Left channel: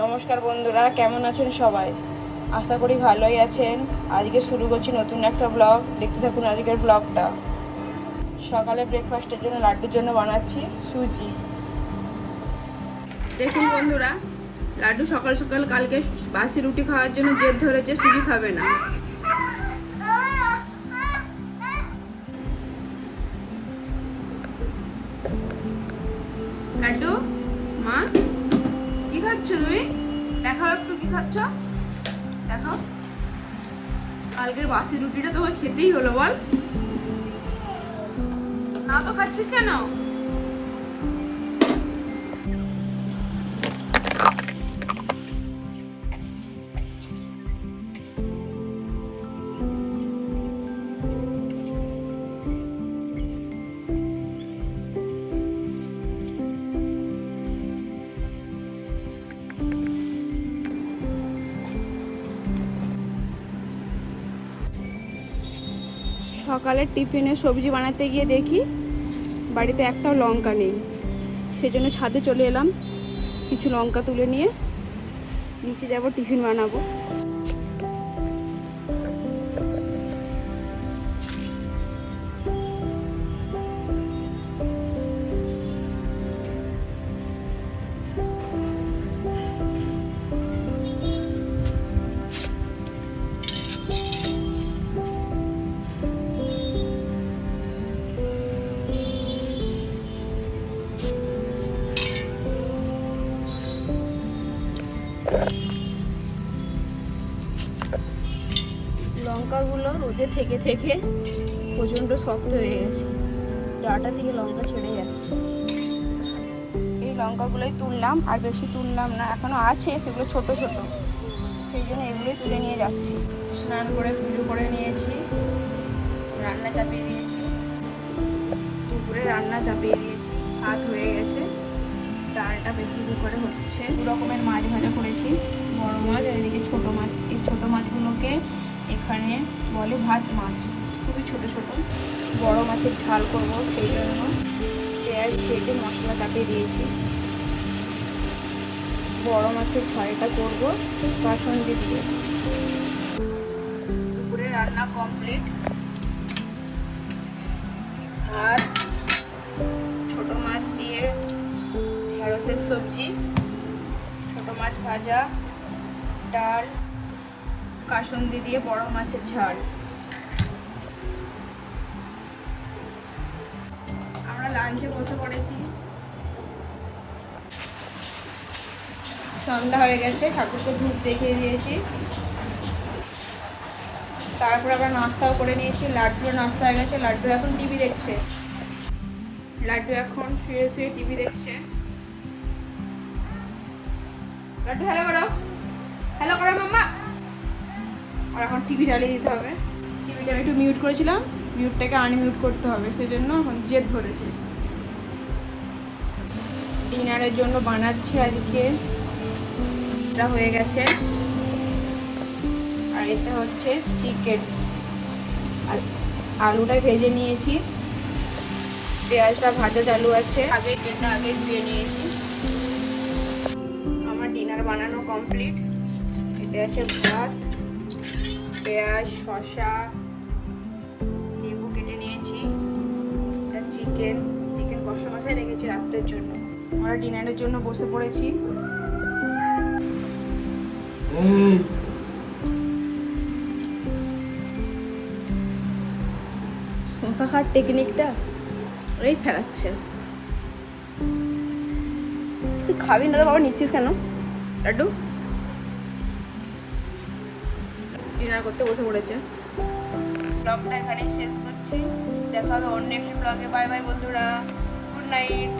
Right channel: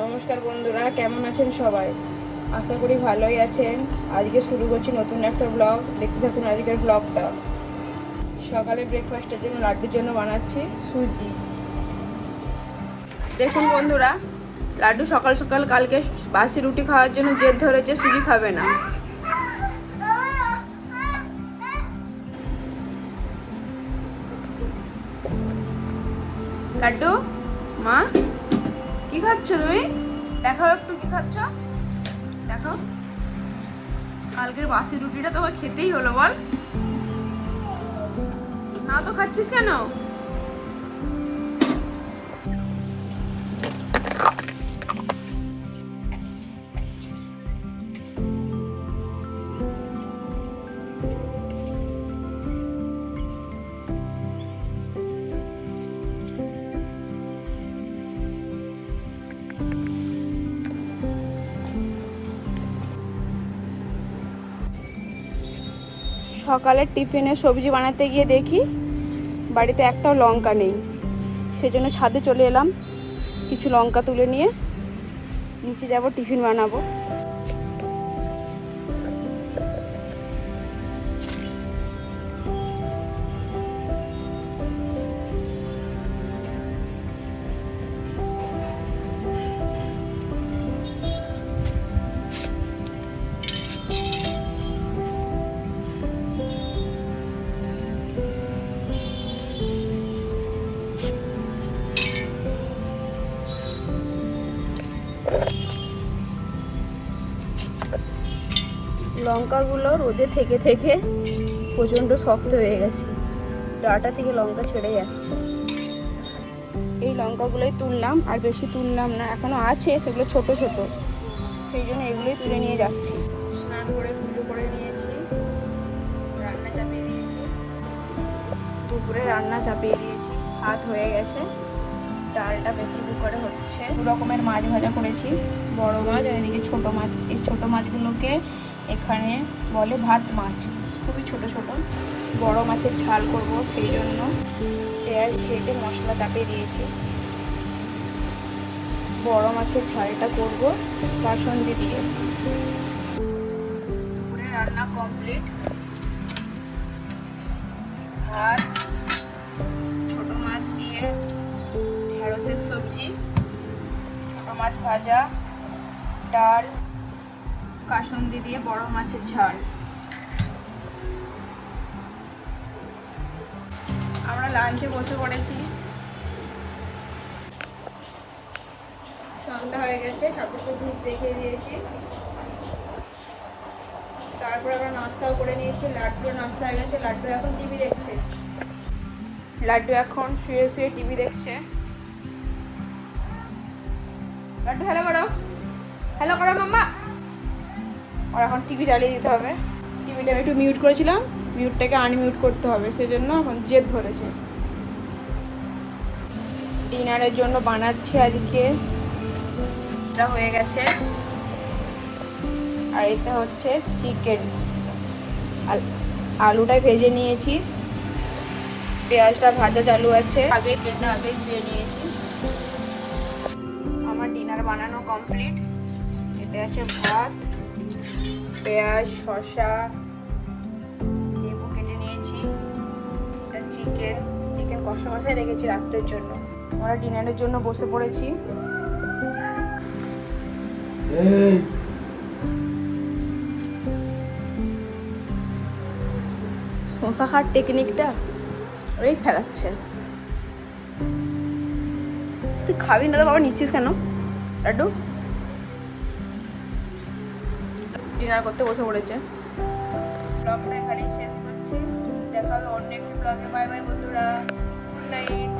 নমস্কার বন্ধুরা, কেমন আছেন সবাই? আশা করি ভালোই আছেন। আজকে শুরু করছি নতুন একটা ব্লগ। দেখতে থাকুন আজকের ব্লগটা। সকালে ব্রেকফাস্টের জন্য লাড্ডুর জন্য বানাচ্ছি সুজি। দেখুন বন্ধুরা, লাড্ডু সকাল সকাল কালকে বাসি রুটি খাওয়ার জন্য জেদ ধরেছে, সুজি খাবে না। লাড্ডু মা কি খাচ্ছ তুমি? দেখাও একটু কি খাচ্ছ, দেখো। কালকের বাসি রুটিটা তোকে খেতেই হলো, বল না তো খাচ্ছিস কেন? সকালের টিফিনে সবজি বানাতে গিয়ে দেখি বাড়িতে একটাও লঙ্কা নেই। সেজন্য ছাদে চলে এলাম, কিছু লঙ্কা তুলে নিয়ে নিচে যাব, টিফিন বানাবো। লঙ্কাগুলো রোদে থেকে থেকে প্রচণ্ড শক্ত হয়ে গেছে, ডাঁটা থেকে লঙ্কা ছেড়ে যাচ্ছে। এই লঙ্কাগুলোই তুললাম, আর বেশি তুললাম না, এখনো আছে, সেগুলো ছোট ছোট, সেই জন্য এগুলোই তুলে নিয়ে যাচ্ছি। স্নান করে পুজো করে নিয়েছি, রান্না চাপিয়ে দিয়েছি, দুপুরে রান্না চাপিয়ে দিয়েছি, ভাত হয়ে গেছে, ডালটা বেশি করে হচ্ছে। দু রকমের মাছ ভাজা করেছি, বড় মাছ আর এদিকে ছোট মাছ। এই ছোট মাছগুলোকে এখানে বলে ভাত মাছ, খুবই ছোট ছোট। বড় মাছের ঝাল করব, সেই জন্য পেঁয়াজ কেটে মশলা চাপিয়ে দিয়েছি। বড় মাছের ঝালটা করব বাসন্তী দিয়ে। দুপুরে রান্না কমপ্লিট, ভাত, ছোট মাছ দিয়ে ঢেঁড়সের সবজি, ছোট মাছ ভাজা, ডাল, কাসুন্দি দিয়ে বড় মাছের ঝাল। আমরা লাঞ্চে বসে পড়েছি। সন্ধ্যা হয়ে গেছে, ঠাকুরকে ধূপ দেখিয়ে দিয়েছি, তারপর আমরা নাস্তাও করে নিয়েছি। লাড্ডুর নাস্তা হয়ে গেছে, লাড্ডু এখন টিভি দেখছে। লাড্ডু এখন শুয়ে শুয়ে টিভি দেখছে। লাড্ডু হ্যালো করো, হ্যালো করো মাম্মা। আর এখন টিভি চালিয়ে দিতে হবে। টিভিটা আমি একটু মিউট করেছিলাম, মিউটটাকে আনমিউট করতে হবে, সেজন্য এখন জেদ ধরেছে। ডিনারের জন্য বানাচ্ছি আজকে, এটা হয়ে গেছে, আর এটা হচ্ছে চিকেন। আর আলুটা ভেজে নিয়েছি, পেঁয়াজটা ভাজা চালু আছে, আগে ধুয়ে নিয়েছি। আমার ডিনার বানানো কমপ্লিট। এতে আছে ভাত, পেঁয়াজ, শসা, লেবু কেটে নিয়েছি, চিকেন কষা কষায় রেখেছি রাত্রের জন্য। আমরা ডিনারের জন্য বসে পড়েছি। শসা খাওয়ার টেকনিকটা ওই ফেলাচ্ছে। তুই খাবি না, আবার নিচ্ছিস কেন লাড্ডু? ডিনার করতে বসে পড়েছে। ব্লগটা এখানেই শেষ করছি, দেখা হবে অন্য একটি ব্লগে। বাই বাই বন্ধুরা, গুড নাইট।